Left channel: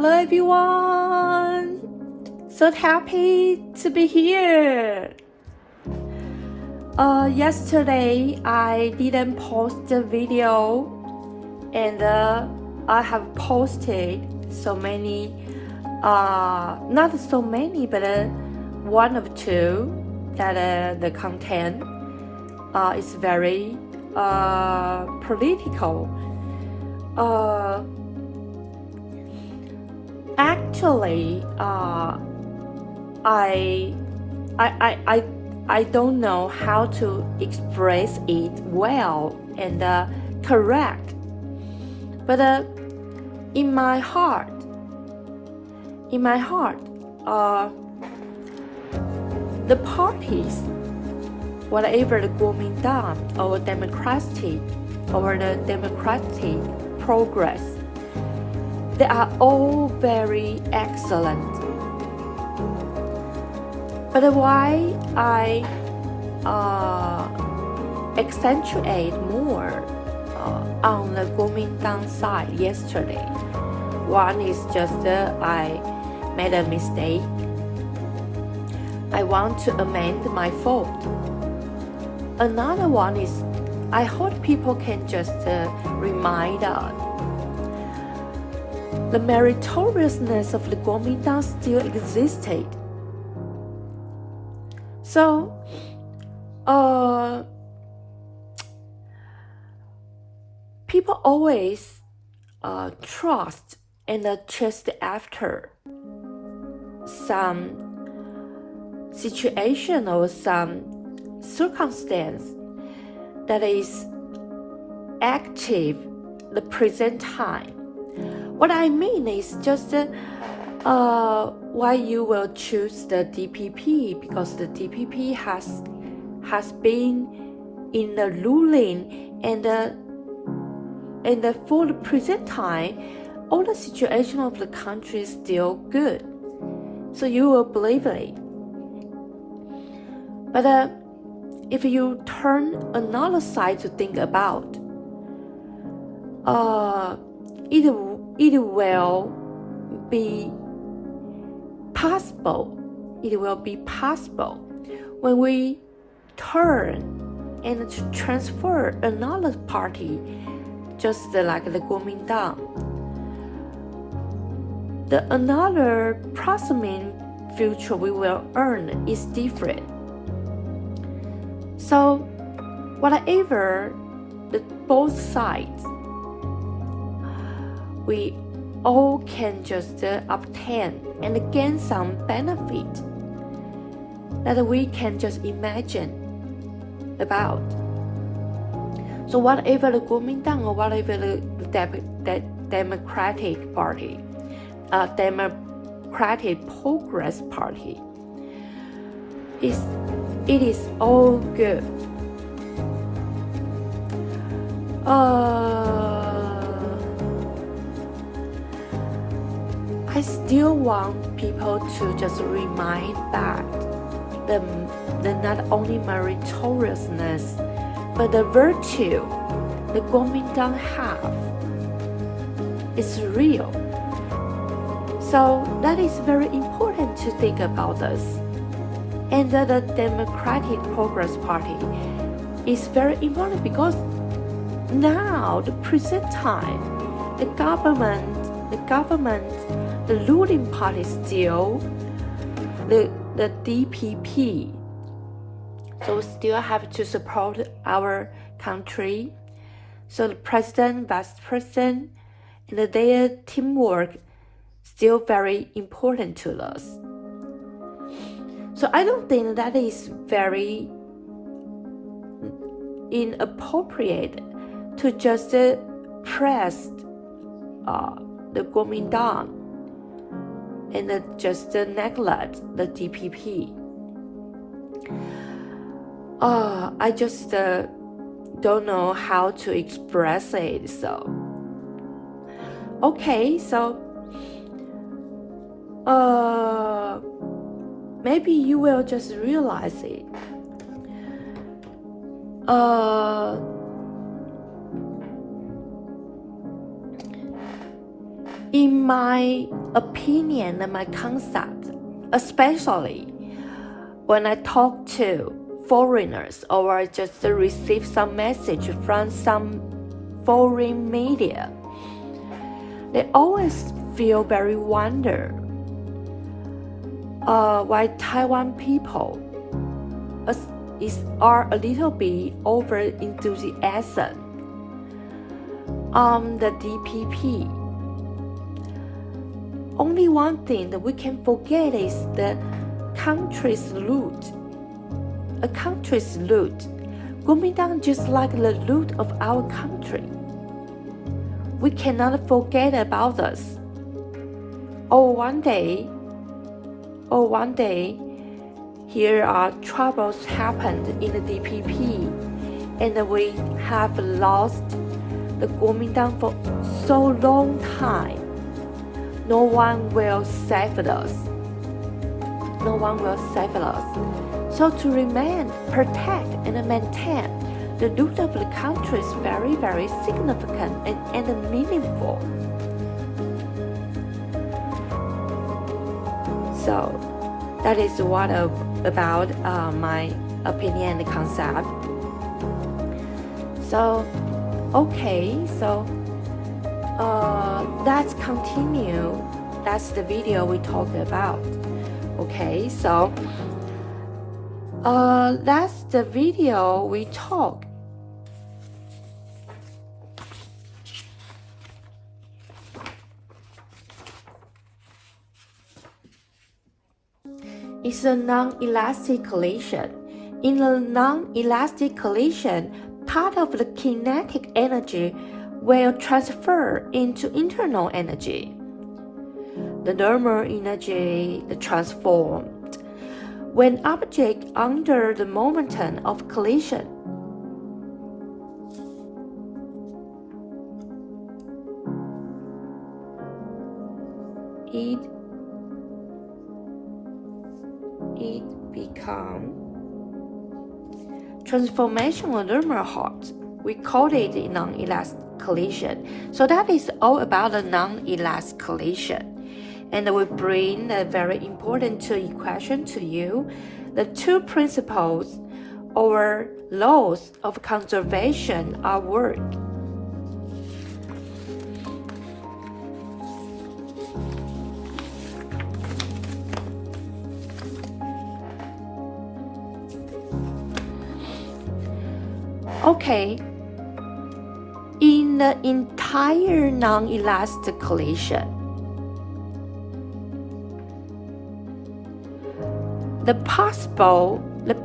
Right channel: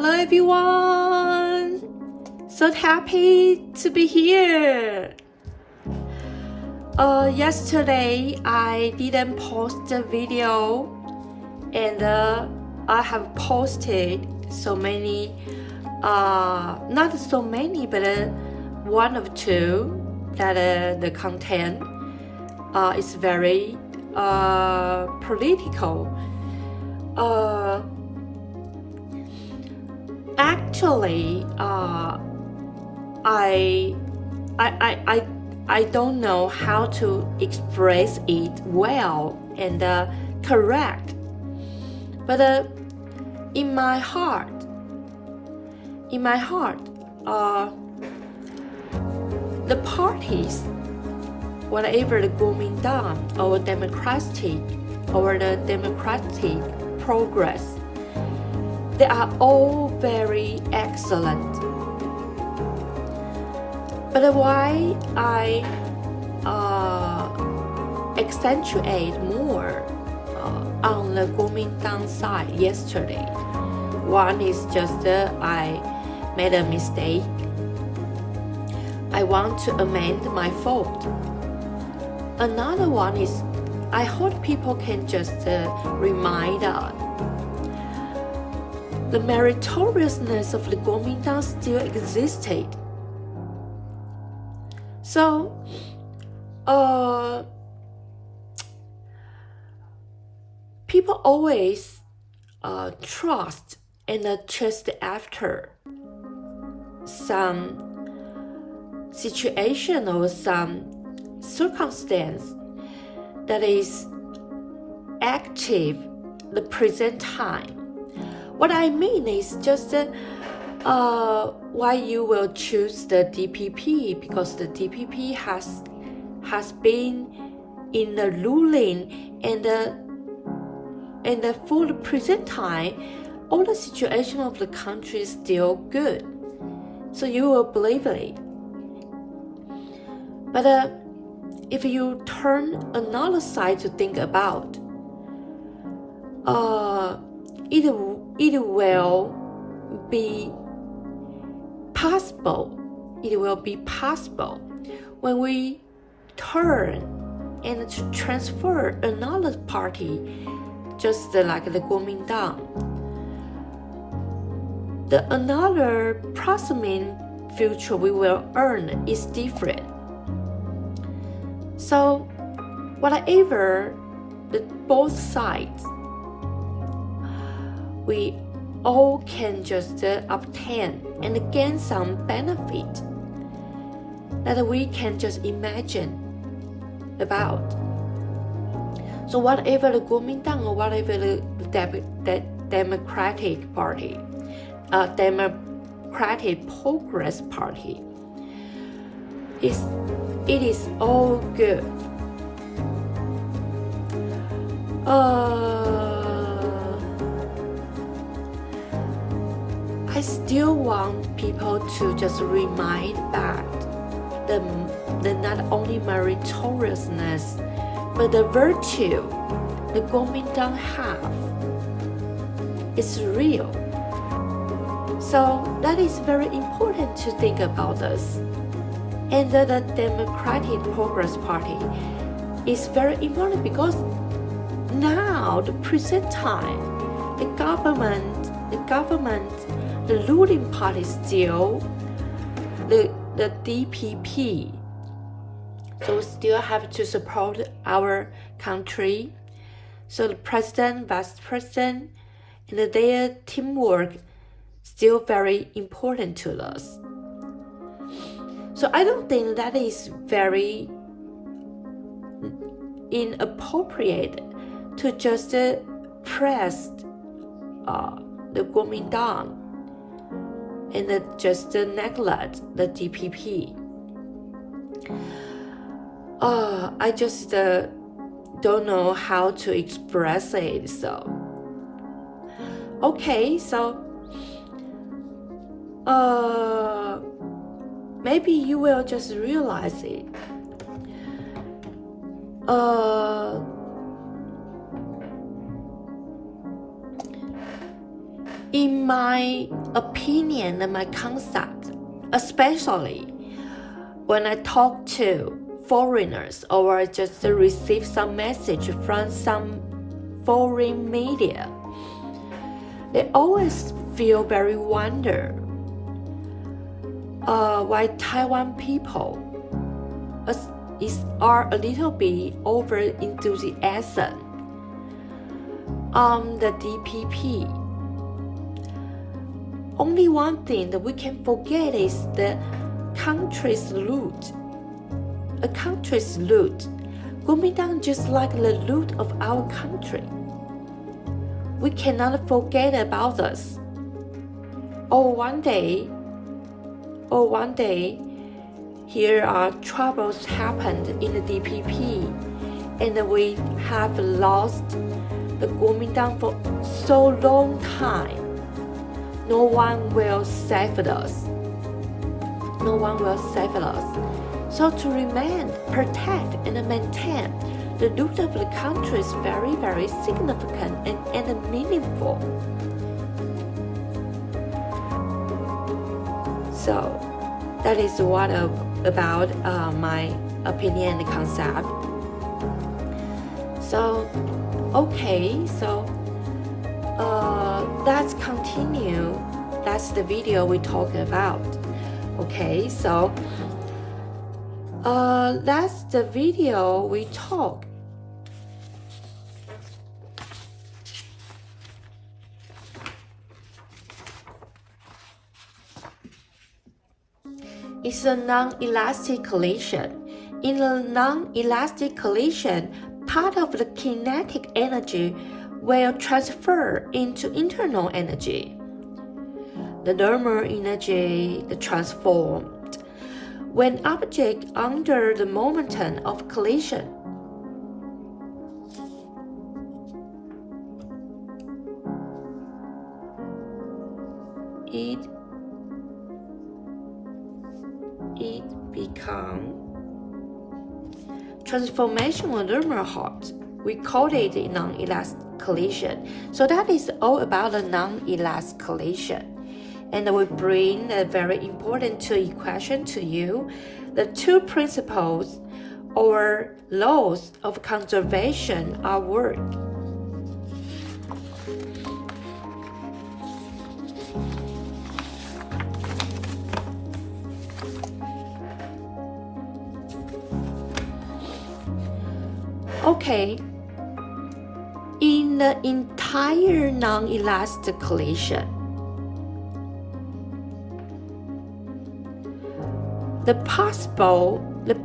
Hello everyone! So happy to be here. Yesterday I didn't post the video, and I have posted so many, not so many, but one of two that the content is very political. Actually, I don't know how to express it well and correct, but in my heart, the parties, whatever the Kuomintang or democratic progress, they are all very excellent. But why I accentuate more on the Kuomintang side yesterday? One is just I made a mistake. I want to amend my fault. Another one is I hope people can just remind us the meritoriousness of the Kuomintang still existed. So, people always trust and chase after some situation or some circumstance that is active the present time. What I mean is just why you will choose the DPP, because the DPP has been in the ruling and for the present time, all the situation of the country is still good. So you will believe it. But if you turn another side to think about, it will be possible. It will be possible when we turn and to transfer another party, just like the Kuomintang. The another proximate future we will earn is different. So, whatever the both sides, we all can just obtain and gain some benefit that we can just imagine about. So whatever the Kuomintang or whatever the Democratic Party, Democratic Progress Party, it is all good. I still want people to just remind that the not only meritoriousness, but the virtue the Kuomintang have is real. So that is very important to think about this. And the Democratic Progress Party is very important because now, the present time, the government, the ruling party still the DPP. So still have to support our country. So the president, vice president, and their teamwork still very important to us. So I don't think that is very inappropriate to just press the Kuomintang and just neglect the DPP. I just don't know how to express it. So, okay, so maybe you will just realize it. In my opinion and my concept, especially when I talk to foreigners or I just receive some message from some foreign media, they always feel very wonder why Taiwan people are a little bit over enthusiasm on the DPP. Only one thing that we can forget is the country's loot. A country's loot. Kuomintang just like the loot of our country. We cannot forget about this. Or one day, here are troubles happened in the DPP, and we have lost the Kuomintang for so long time. No one will save us. No one will save us. So to remain, protect, and maintain the loot of the country is very, very significant and meaningful. So that is what about my opinion and concept. So, okay, so let's continue. That's the video we talked about. Okay, so that's the video we talk. It's a non-elastic collision. In a non-elastic collision, part of the kinetic energy will transfer into internal energy. The thermal energy is transformed when object under the momentum of collision. It become transformational thermal hot. We call it non-elastic collision. So that is all about the non-elastic collision. And we bring a very important equation to you. The two principles or laws of conservation are work. Okay, in the entire non-elastic collision, the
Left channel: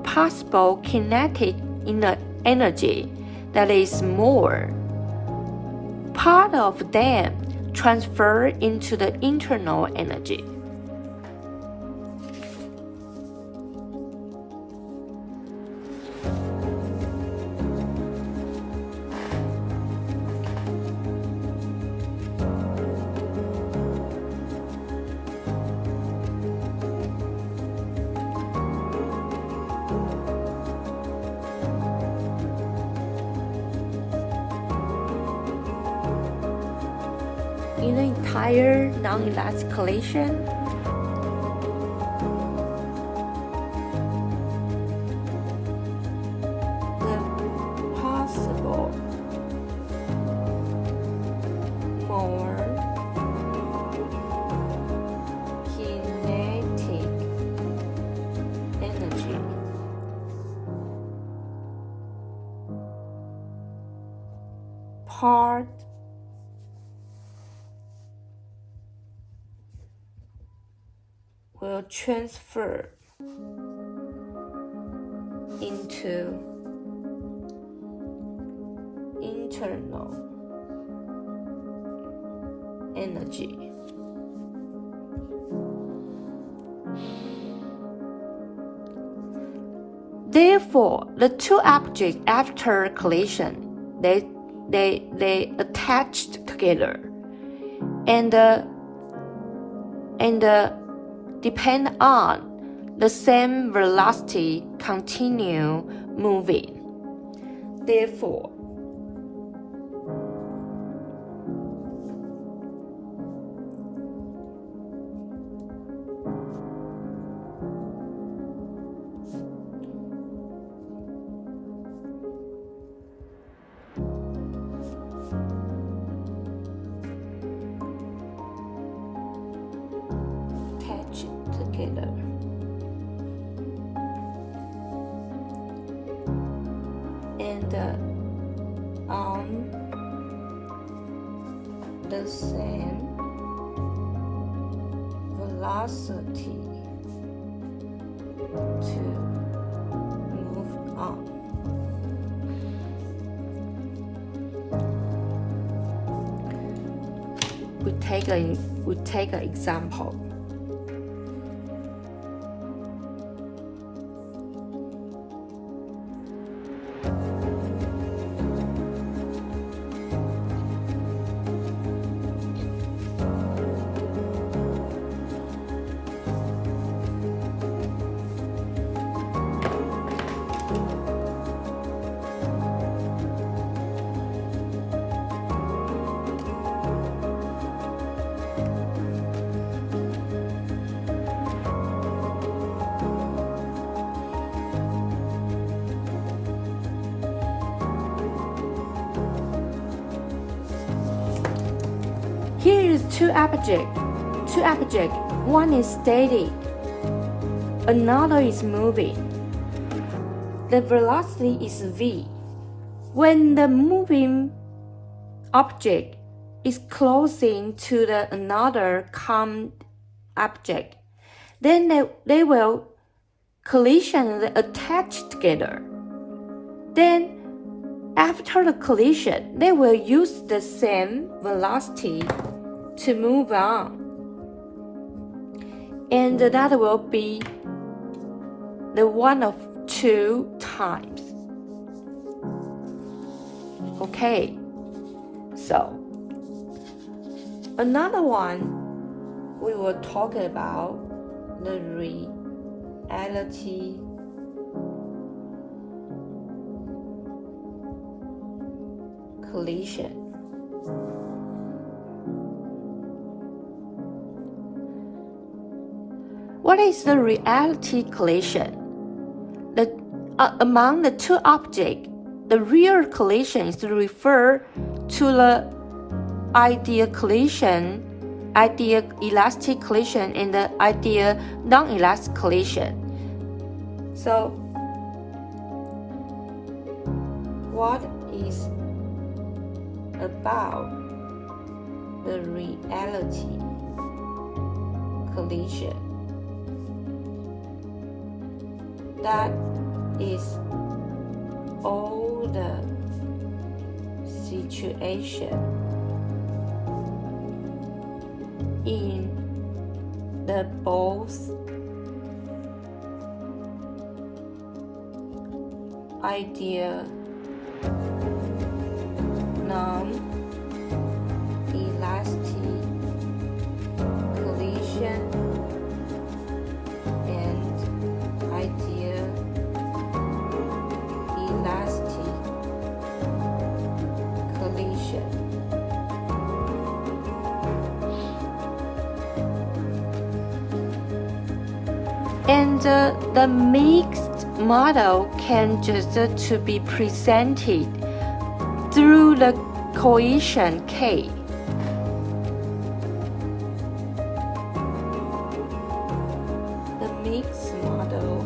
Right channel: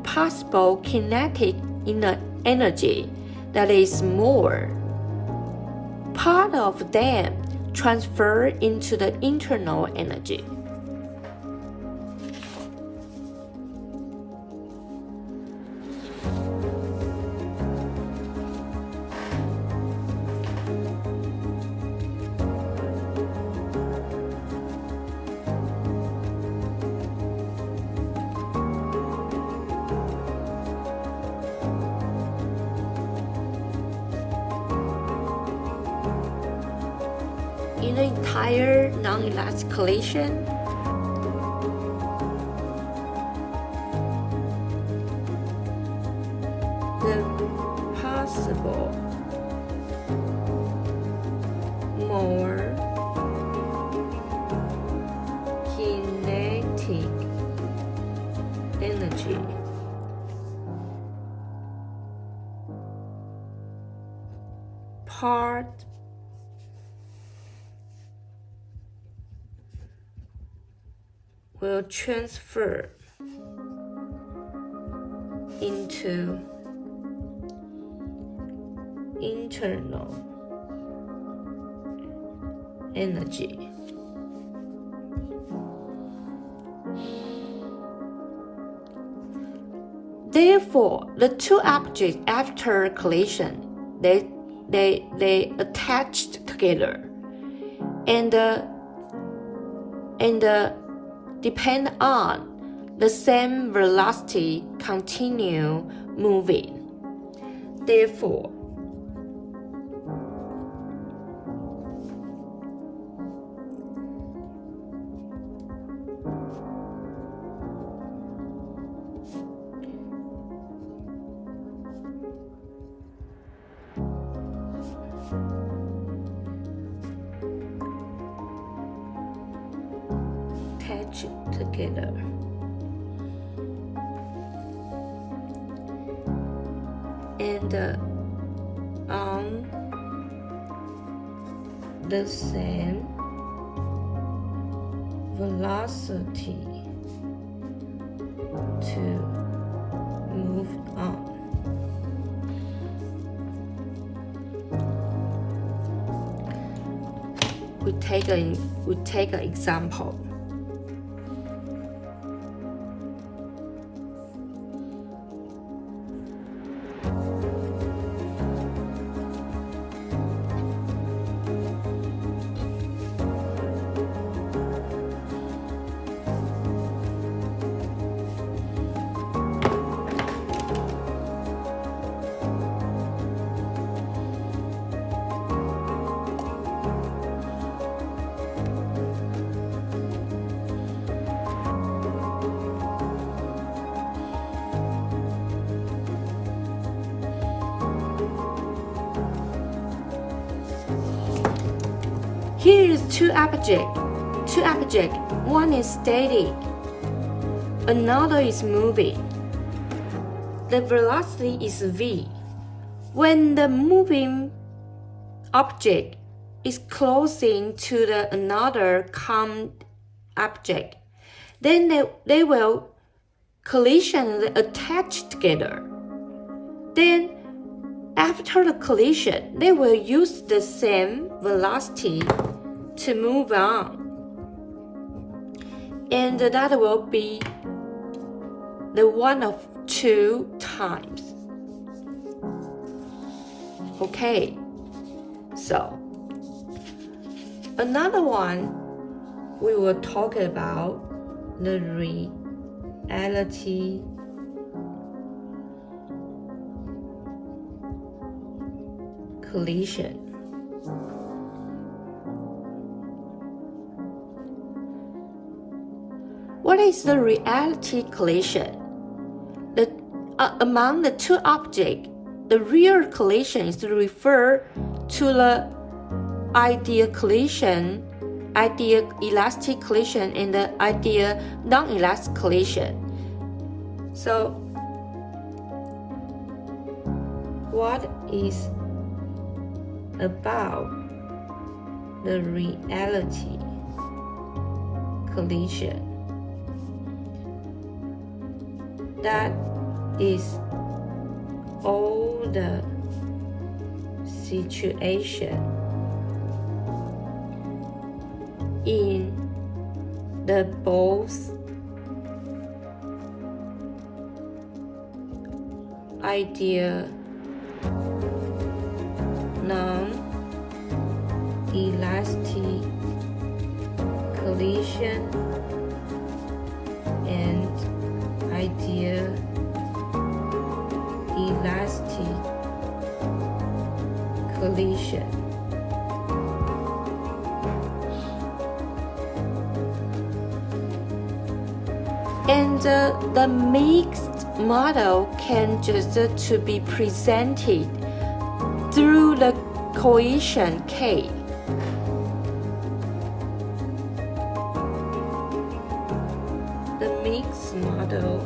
possible kinetic energy that is more, part of them transfer into the internal energy. In the entire non-elastic collision, the possible more kinetic energy part will transfer into internal energy. Therefore, the two objects after collision, they attached together and depend on the same velocity continue moving. Therefore, together. And on the same velocity to move on. We take an example. Here is two objects. One is static, another is moving. The velocity is v. When the moving object is closing to the another calm object, then they will collision and attach together. Then after the collision, they will use the same velocity to move on. And that will be the one of two times. Okay, so another one we will talk about the reality collision. What is the reality collision? Among the two objects, the real collision is referred to the ideal collision, ideal elastic collision, and the ideal non-elastic collision. So, what is about the reality collision? That is all the situation in the both ideal non-elastic collision and ideal elastic collision. And the mixed model can just to be presented through the coefficient K. The mixed model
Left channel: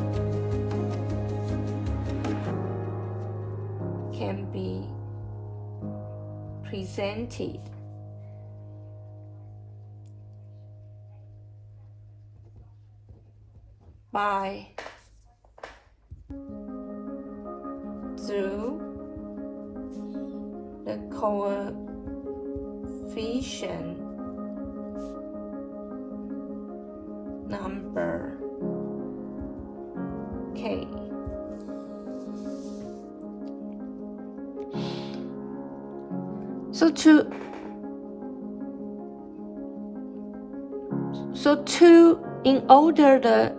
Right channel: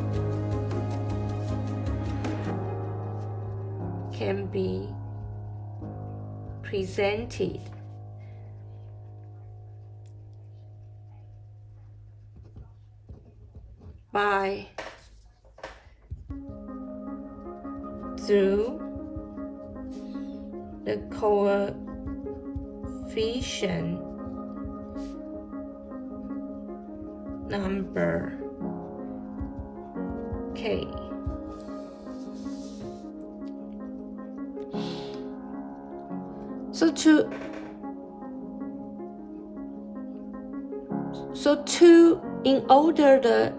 can be presented by through the coefficient number K. In order the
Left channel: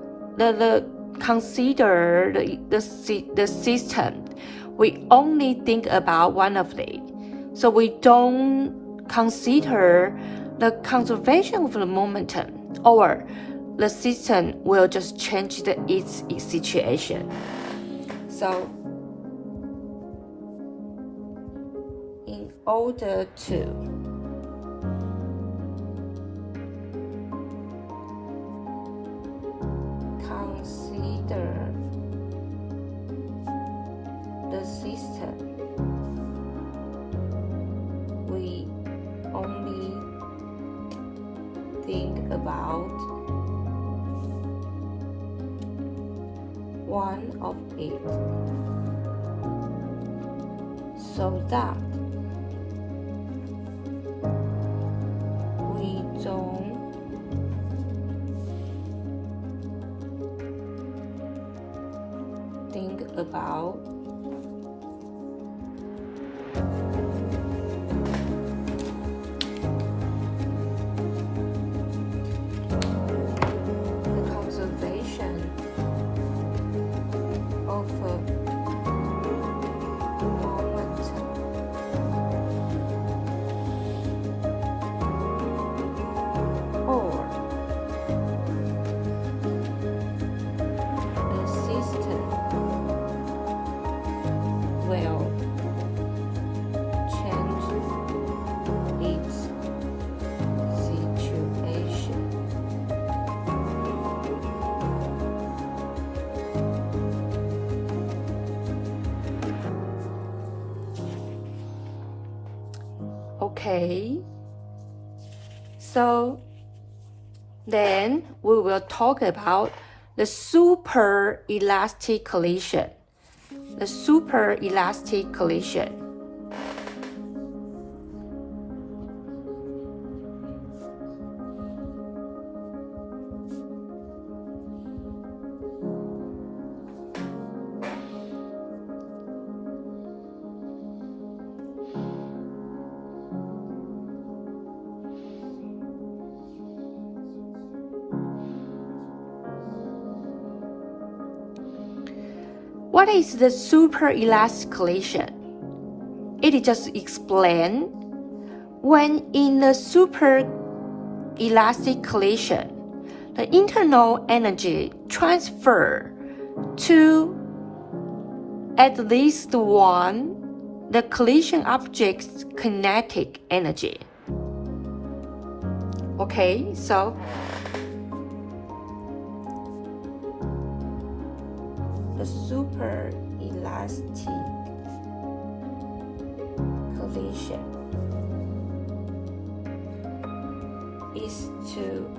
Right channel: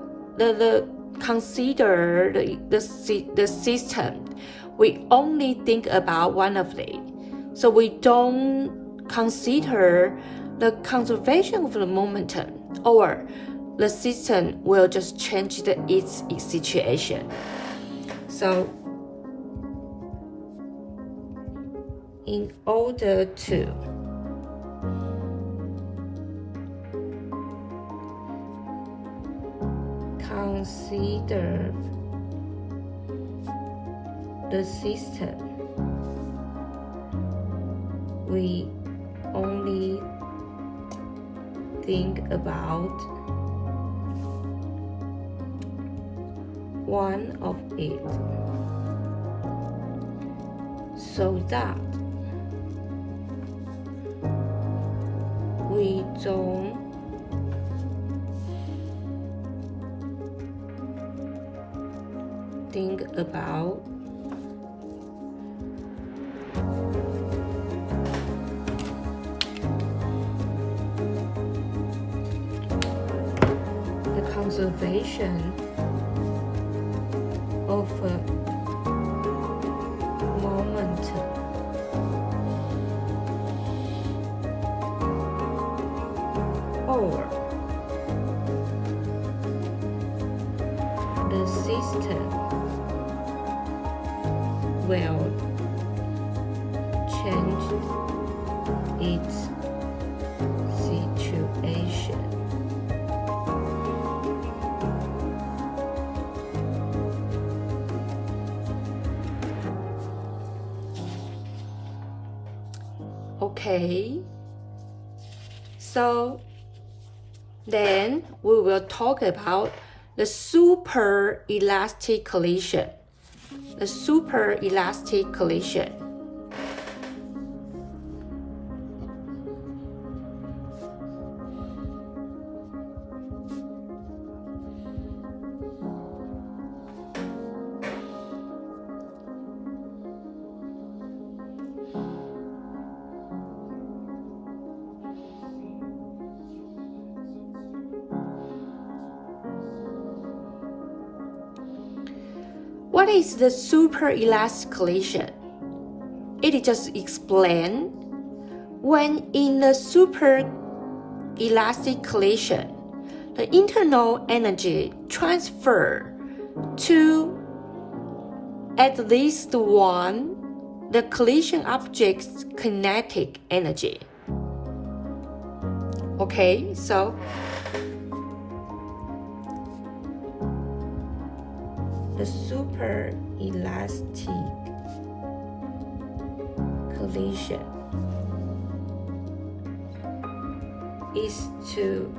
consider the system, we only think about one of it. So we don't consider the conservation of the momentum, or the system will just change its situation. So in order to consider the system. We only think about one of it, so that we don't think about the conservation of momentum. Or the system will change its situation. Okay, so then we will talk about the super-elastic collision. The super-elastic collision. What is the super-elastic collision? It just explains when in the super-elastic collision, the internal energy transfer to at least one the collision object's kinetic energy. Okay, so the super-elastic collision is to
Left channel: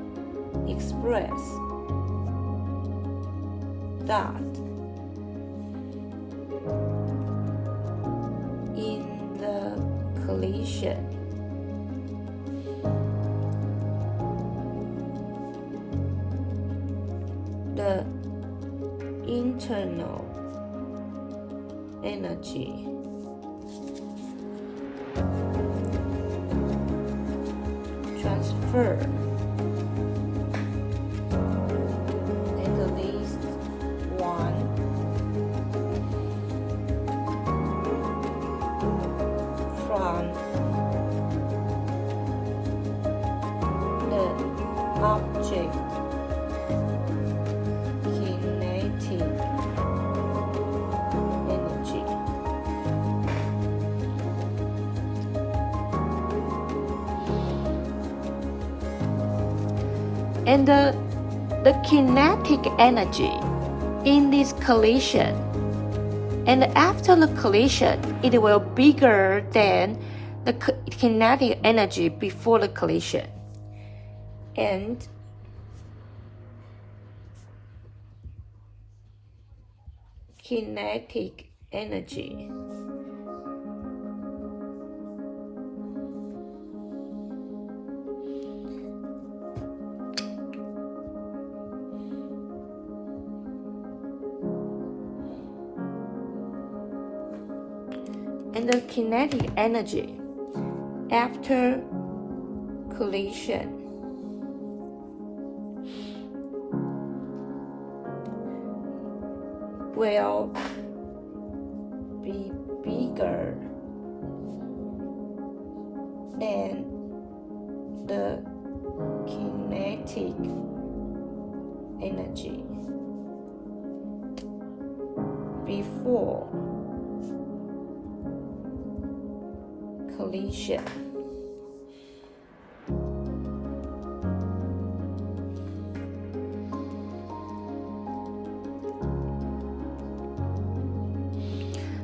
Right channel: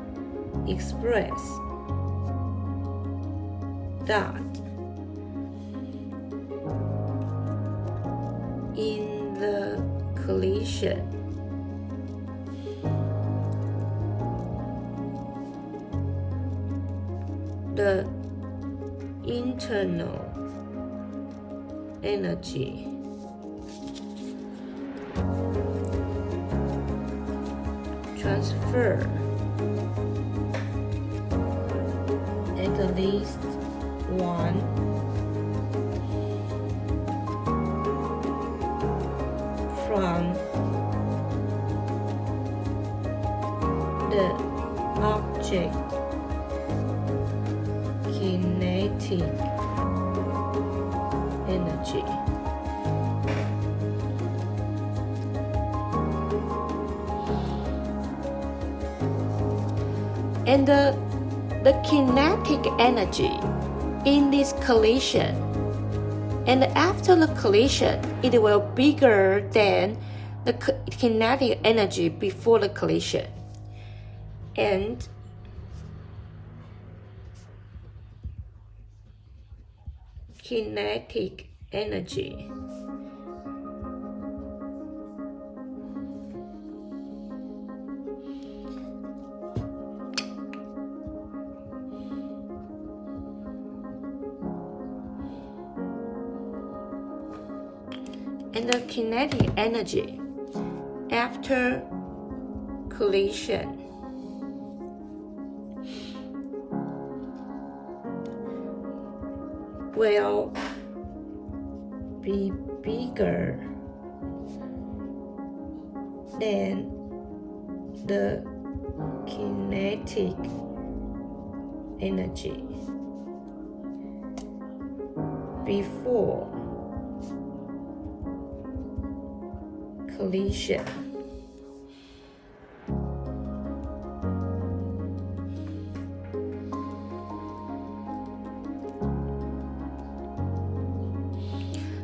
express that in the collision the internal energy transfer at least one from the object kinetic energy. And the kinetic energy in this collision, and after the collision, it will be bigger than the kinetic energy before the collision. And kinetic energy and the kinetic energy after collision will be bigger than the kinetic energy before collision.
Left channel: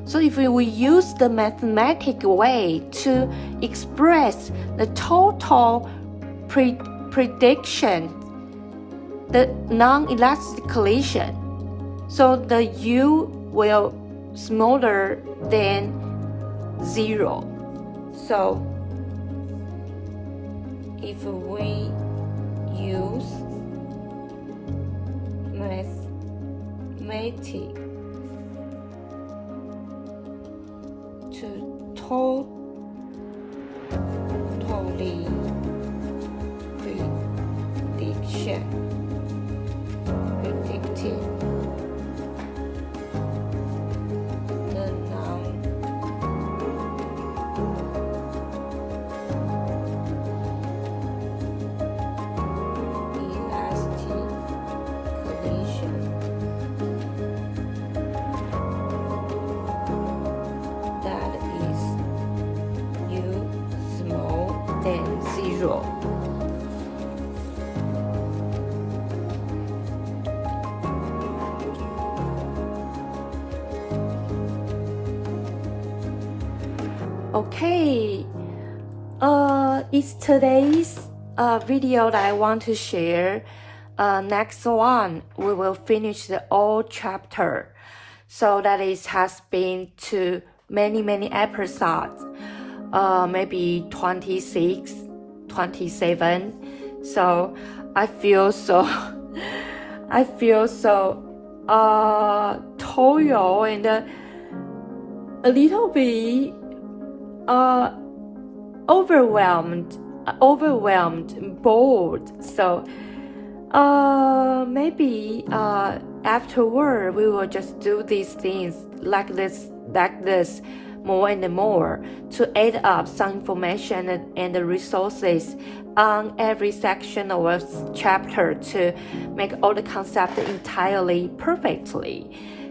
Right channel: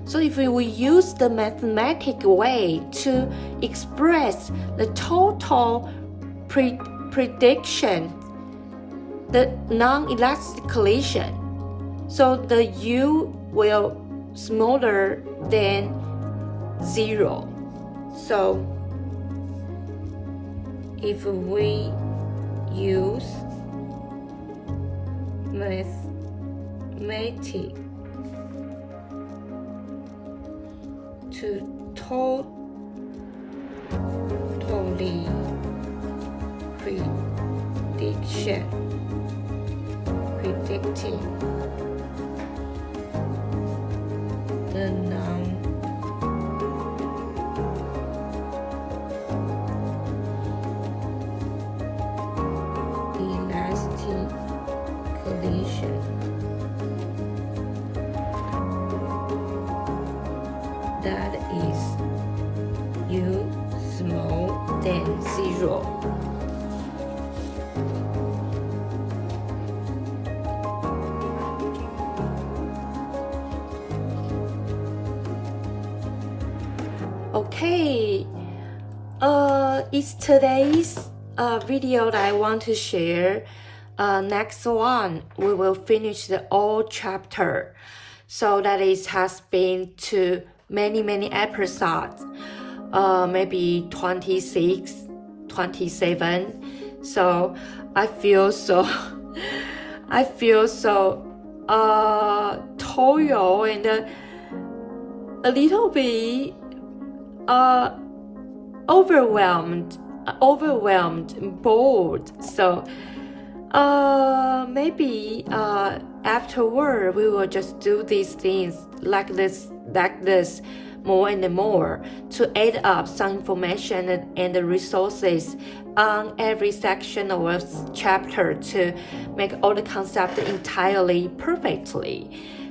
So if we use the mathematical way to express the total prediction, the non-elastic collision, so the U will smaller than 0. So if we use mathematics to totally predicting the non-elastic collision, that is U small than 0. Okay, it's today's video that I want to share. Next one, we will finish the old chapter. So that has been to many episodes, maybe 26, 27. So I feel so toil and a little bit overwhelmed, bored. So maybe afterward we will just do these things like this more and more to add up some information and the resources on every section of a chapter to make all the concepts entirely perfectly.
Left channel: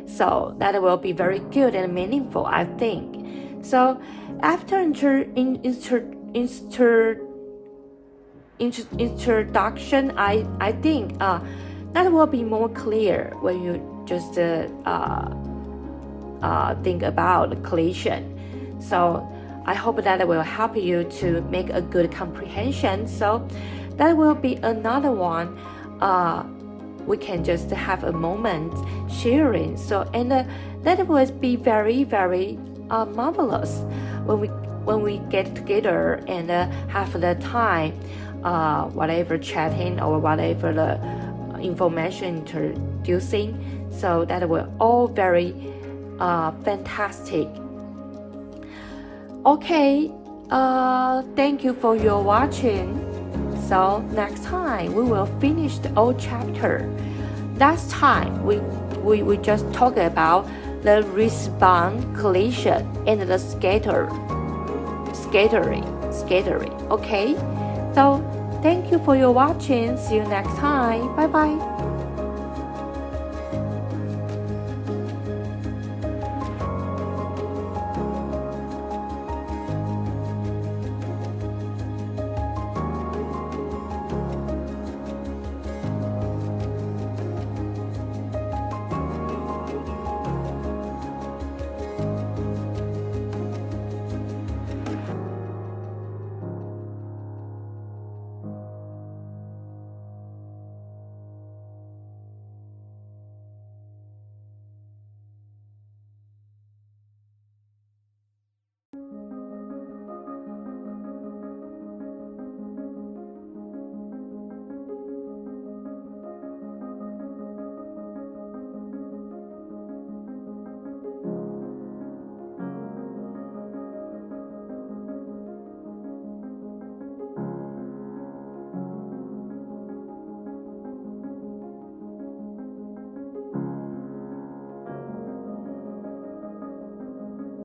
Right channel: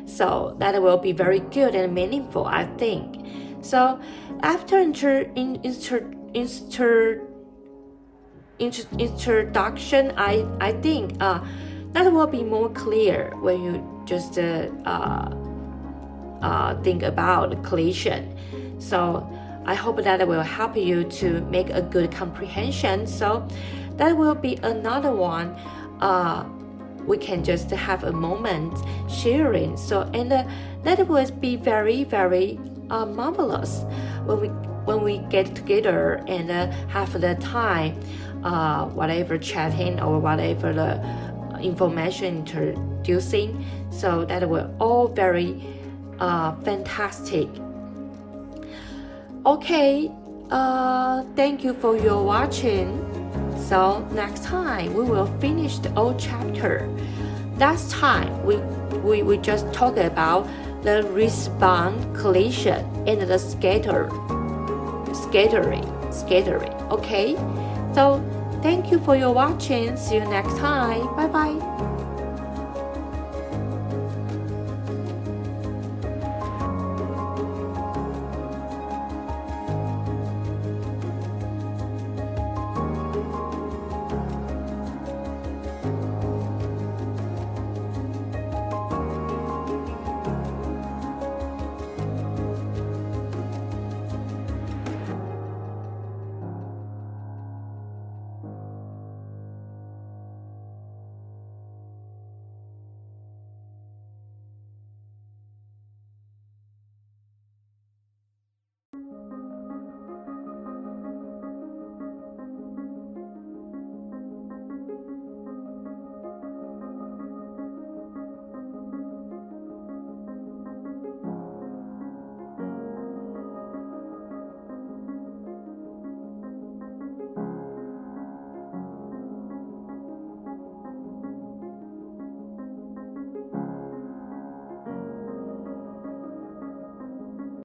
So that will be very good and meaningful, I think. So after introduction, I think that will be more clear when you just think about collision. So I hope that will help you to make a good comprehension. So that will be another one. We can just have a moment sharing. So and that will be very marvelous when we get together and have the time, whatever chatting or whatever the information introducing. So that will all very fantastic. Okay, thank you for your watching. So next time we will finish the old chapter. Last time we just talked about the response collision and the scattering. Okay, so thank you for your watching. See you next time. Bye bye.